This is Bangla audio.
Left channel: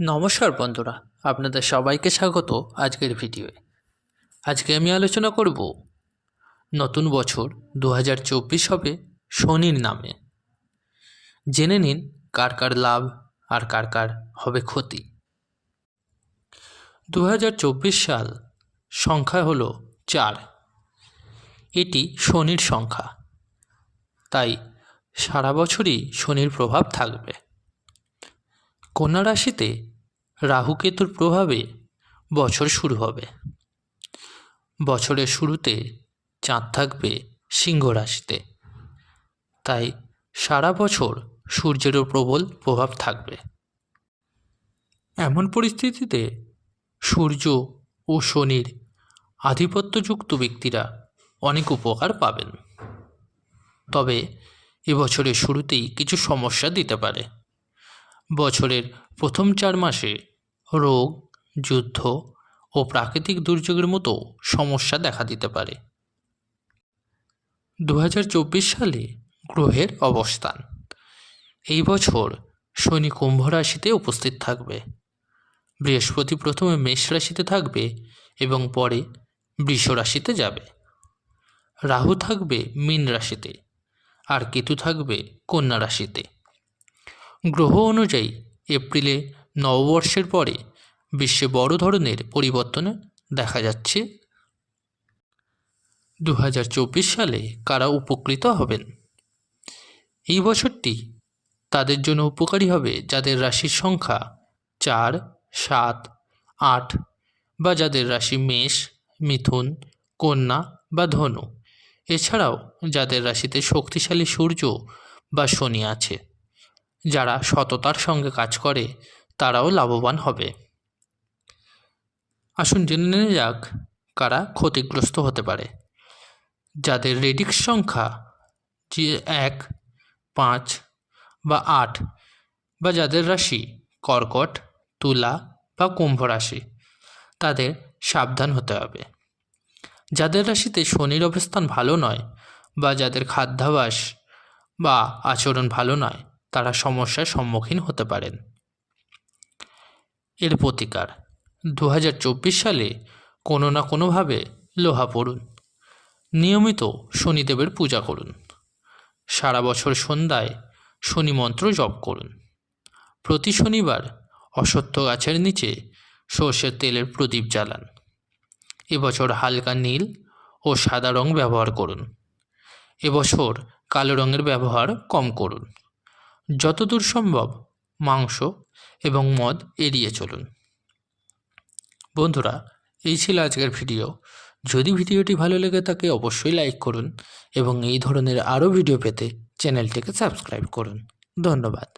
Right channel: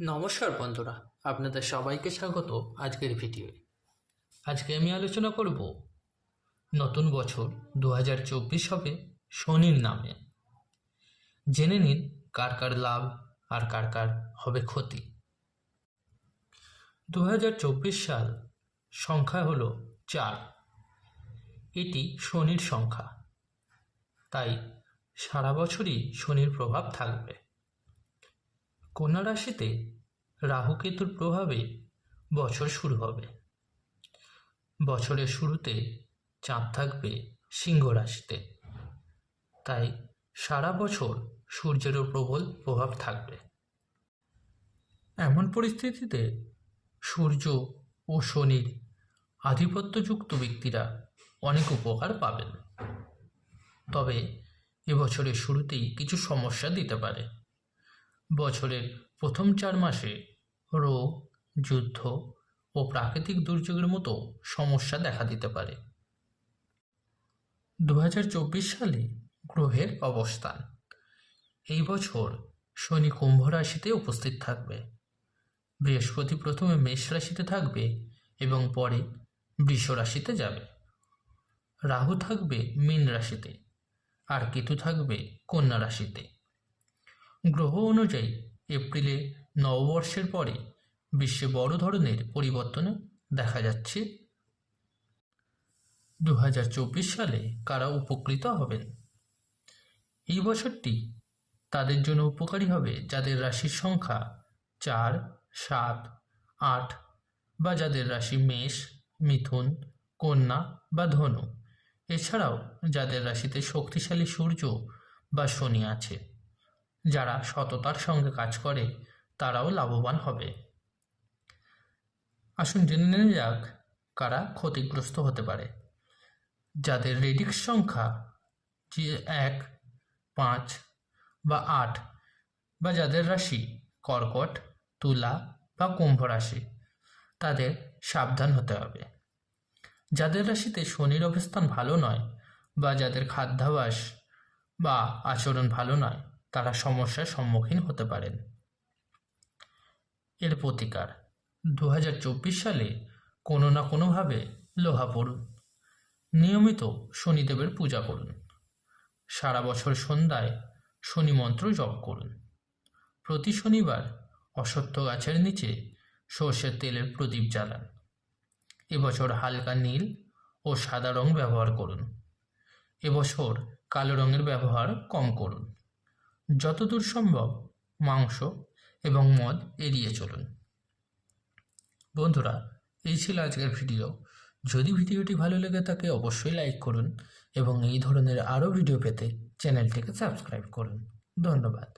নমস্কার বন্ধুরা, আপনাদের সবাইকে স্বাগত আজকের ভিডিওয়ে। আজকে আমি আলোচনা করব নতুন বছর 2024 হবে শনির নামে। জেনে নিন কার কার লাভ আর কার কার হবে ক্ষতি। 2024 সাল সংখ্যা হলো 4। এটি শনির সংখ্যা, তাই সারা বছরই শনির প্রভাব থাকবে। কন্যা রাশিতে রাহু কেতুর প্রভাবে বছর শুরু হবে। বছরের শুরুতে চাঁদ থাকবে সিংহ রাশিতে, তাই সারা বছর সূর্যেরও প্রবল প্রভাব থাকবে। এমন পরিস্থিতিতে সূর্য ও শনির আধিপত্যযুক্ত ব্যক্তিরা অনেক উপকার পাবেন, তবে এবছরের শুরুতেই কিছু সমস্যা দিতে পারে। বছরের প্রথম 4 মাসে রোগ, যুদ্ধ ও প্রাকৃতিক দুর্যোগের মতো সমস্যা দেখা দিতে পারে। 2024 সালে গ্রহের অবস্থান। এই বছর শনি কুম্ভ রাশিতে উপস্থিত থাকবে। বৃহস্পতি প্রথমে মেষ রাশিতে থাকবে এবং পরে বৃষ রাশিতে যাবে। রাহু থাকবে মীন রাশিতে আর কেতু থাকবে কন্যা রাশিতে। গ্রহ অনুযায়ী এপ্রিলে নববর্ষের পরে বিশ্বে বড় ধরনের পরিবর্তন দেখা যাচ্ছে। 2024 সালে কারা উপকৃত হবেন? এই বছরটি তাদের জন্য উপকারী হবে যাদের রাশির সংখ্যা 4, 7, 8 বা যাদের রাশি মেষ, মিথুন, কন্যা বা ধনু। এছাড়াও যাদের রাশিতে শক্তিশালী সূর্য বা শনি আছে। যারা সততার সঙ্গে কাজ করে তারাও লাভবান হবে। আসুন জেনে নেওয়া যাক কারা ক্ষতিগ্রস্ত হতে পারে। যাদের রেডিক্স সংখ্যা 1, 5 বা 8 বা যাদের রাশি কর্কট, তুলা বা কুম্ভ রাশি, তাদের সাবধান হতে হবে। যাদের রাশিতে শনির অবস্থান ভালো নয় বা যাদের খাদ্যাভ্যাস বা আচরণ ভালো নয়, তারা সমস্যার সম্মুখীন হতে পারেন। এর প্রতিকার: 2024 সালে কোনো না কোনোভাবে লোহা পড়ুন। নিয়মিত শনিদেবের পূজা করুন। সারা বছর সন্ধ্যায় শনি মন্ত্র জপ করুন। প্রতি শনিবার অশ্বত্থ গাছের নিচে সর্ষের তেলের প্রদীপ জ্বালান। এবছর হালকা নীল ও সাদা রং ব্যবহার করুন। এবছর কালো রঙের ব্যবহার কম করুন। যতদূর সম্ভব মাংস এবং মদ এড়িয়ে চলুন। বন্ধুরা, এই ছিল আজকের ভিডিও। যদি ভিডিওটি ভালো লেগে থাকে অবশ্যই লাইক করুন এবং এই ধরনের আরও ভিডিও পেতে চ্যানেলটিকে সাবস্ক্রাইব করুন। ধন্যবাদ।